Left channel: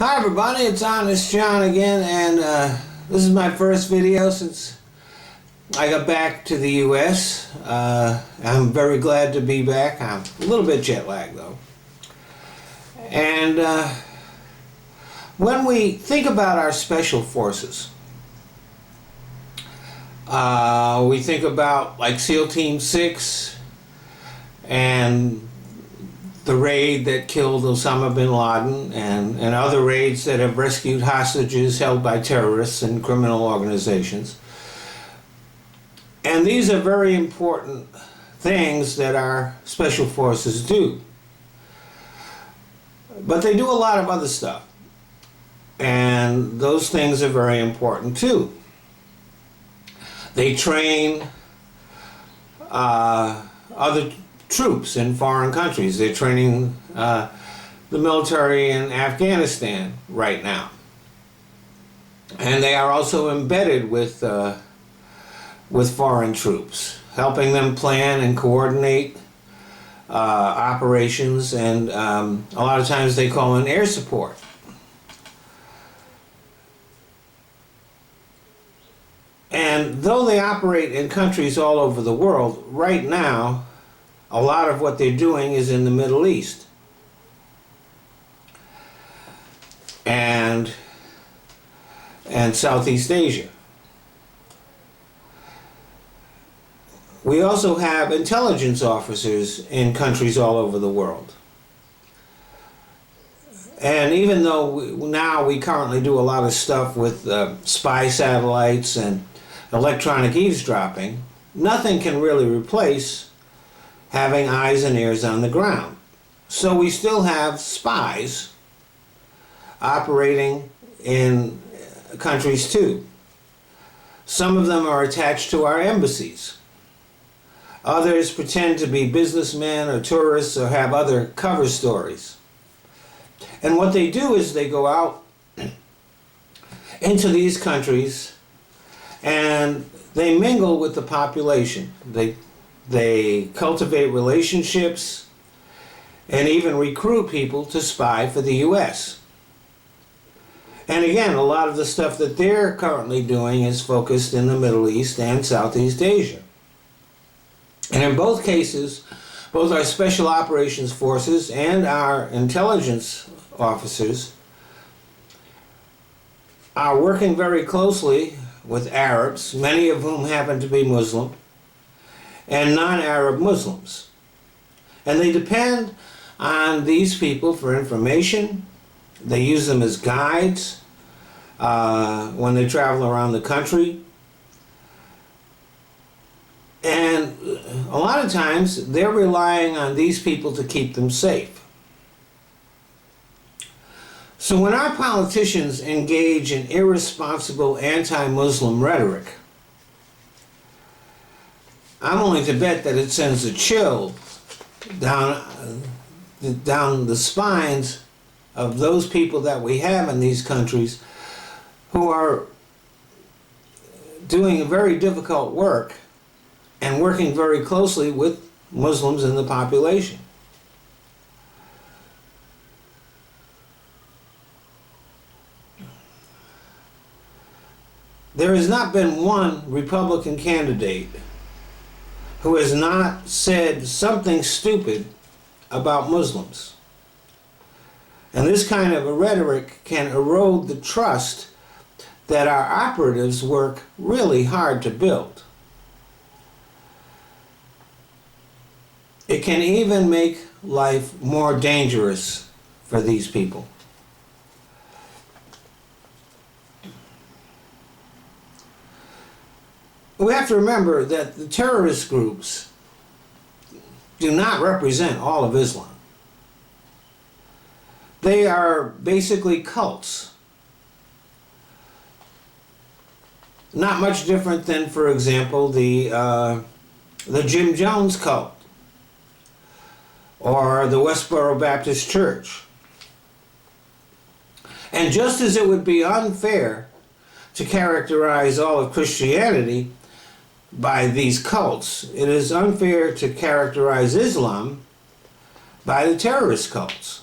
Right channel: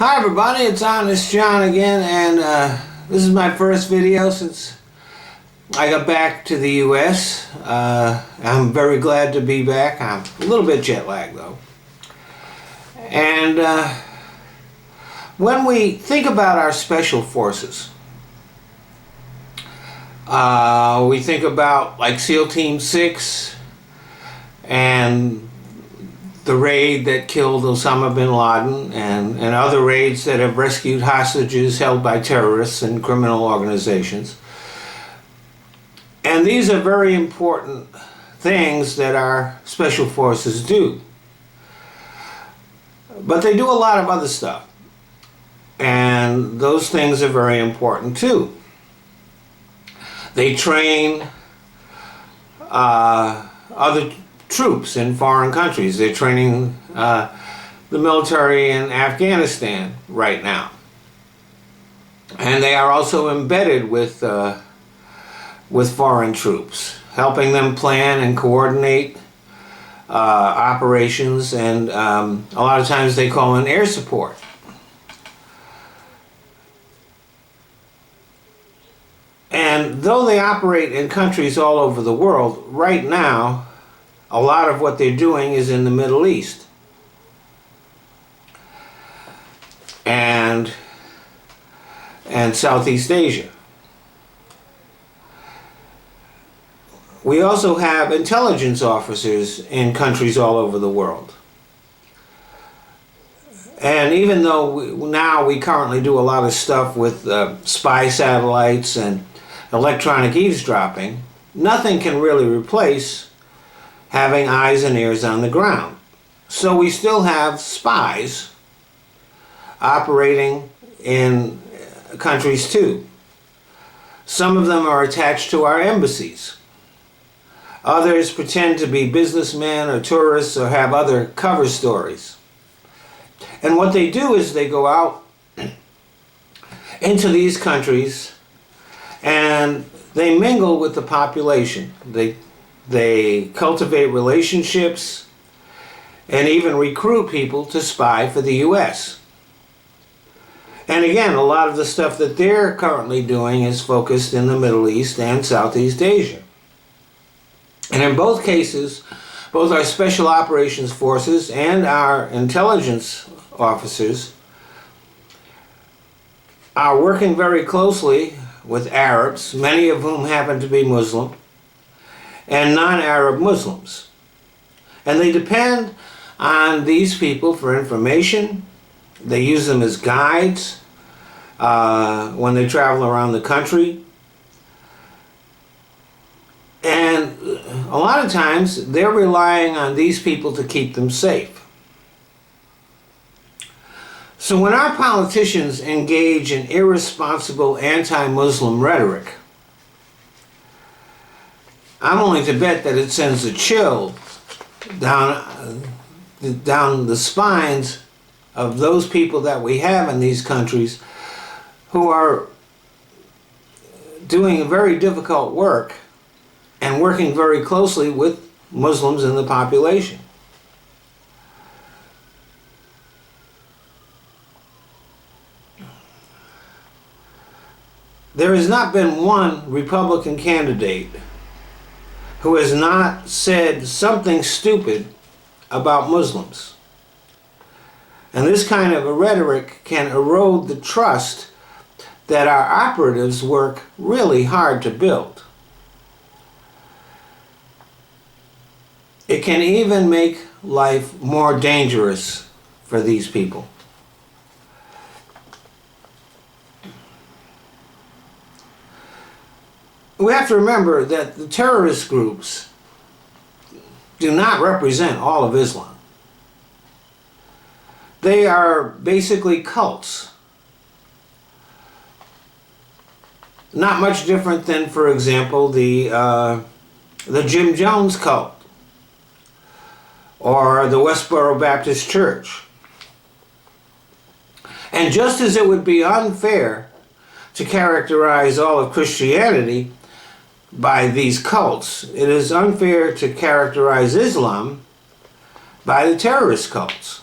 Hi everybody, it's Honest John again, and this is my first video since I got back to the US. I'm very glad to be back. I'm a little bit jet lagged though. And when we think about our special forces, we think about like SEAL Team 6 and the raid that killed Osama bin Laden and other raids that have rescued hostages held by terrorists and criminal organizations. And these are very important things that our special forces do. But they do a lot of other stuff. And those things are very important too. They train other troops in foreign countries. They're training the military in Afghanistan right now. And they are also embedded with foreign troops, helping them plan and coordinate operations, and a lot of times they call in air support. And though they operate in countries all over the world, right now a lot of what they're doing is in the Middle East. And Southeast Asia. We also have intelligence officers in countries all over the world. And even though now we currently do a lot of stuff with spy satellites and electronic eavesdropping, nothing can really replace having eyes and ears on the ground. So we still have spies operating in countries too. Some of them are attached to our embassies. Others pretend to be businessmen or tourists or have other cover stories. And what they do is they go out into these countries and they mingle with the population. They cultivate relationships and even recruit people to spy for the US. And again, a lot of the stuff that they're currently doing is focused in the Middle East and Southeast Asia. And in both cases, both our Special Operations Forces and our intelligence officers are working very closely with Arabs, many of whom happen to be Muslim, and non-Arab Muslims. And they depend on these people for information. They use them as guides when they travel around the country. And a lot of times they're relying on these people to keep them safe. So when our politicians engage in irresponsible anti-Muslim rhetoric, I'm willing to bet that it sends a chill down the spines of those people that we have in these countries who are doing very difficult work and working very closely with Muslims in the population. There has not been one Republican candidate who has not said something stupid about Muslims. And this kind of a rhetoric can erode the trust that our operatives work really hard to build. It can even make life more dangerous for these people. We have to remember that the terrorist groups do not represent all of Islam. They are basically cults. Not much different than, for example, the Jim Jones cult or the Westboro Baptist Church. And just as it would be unfair to characterize all of Christianity by these cults, it is unfair to characterize Islam by the terrorist cults.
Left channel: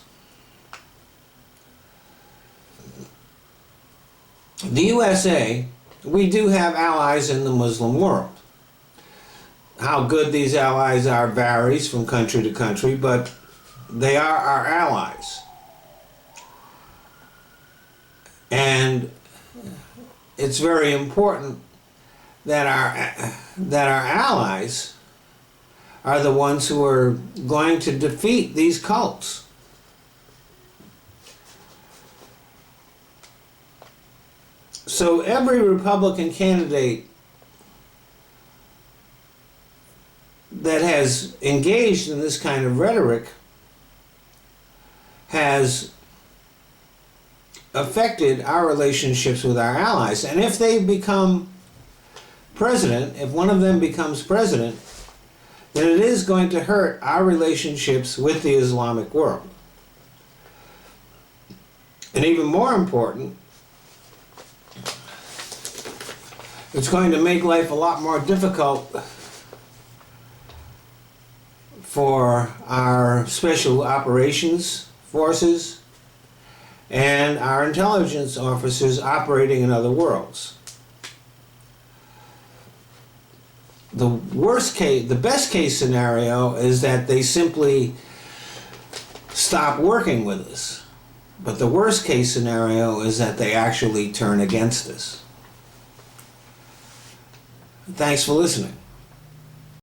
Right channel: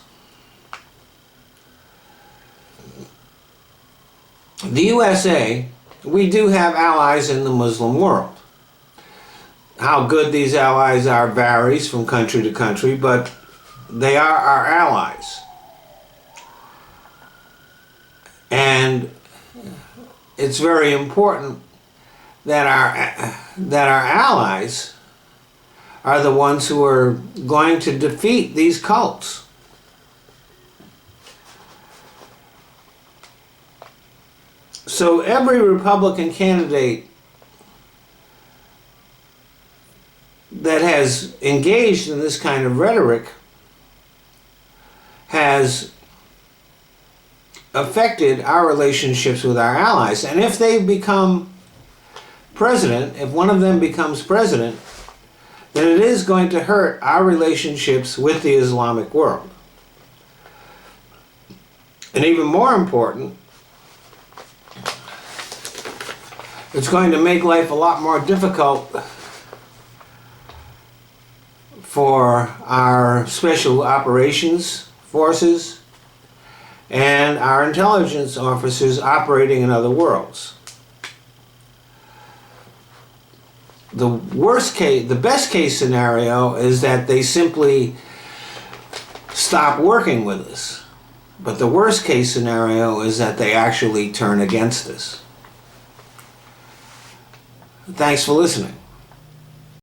The USA, we do have allies in the Muslim world. How good these allies are varies from country to country, but they are our allies. And it's very important that our allies are the ones who are going to defeat these cults. So every Republican candidate that has engaged in this kind of rhetoric has affected our relationships with our allies. And if they become president, if one of them becomes president, then it is going to hurt our relationships with the Islamic world. And even more important, it's going to make life a lot more difficult for our special operations forces and our intelligence officers operating in other worlds. The best case scenario is that they simply stop working with us. But the worst case scenario is that they actually turn against us. Thanks for listening.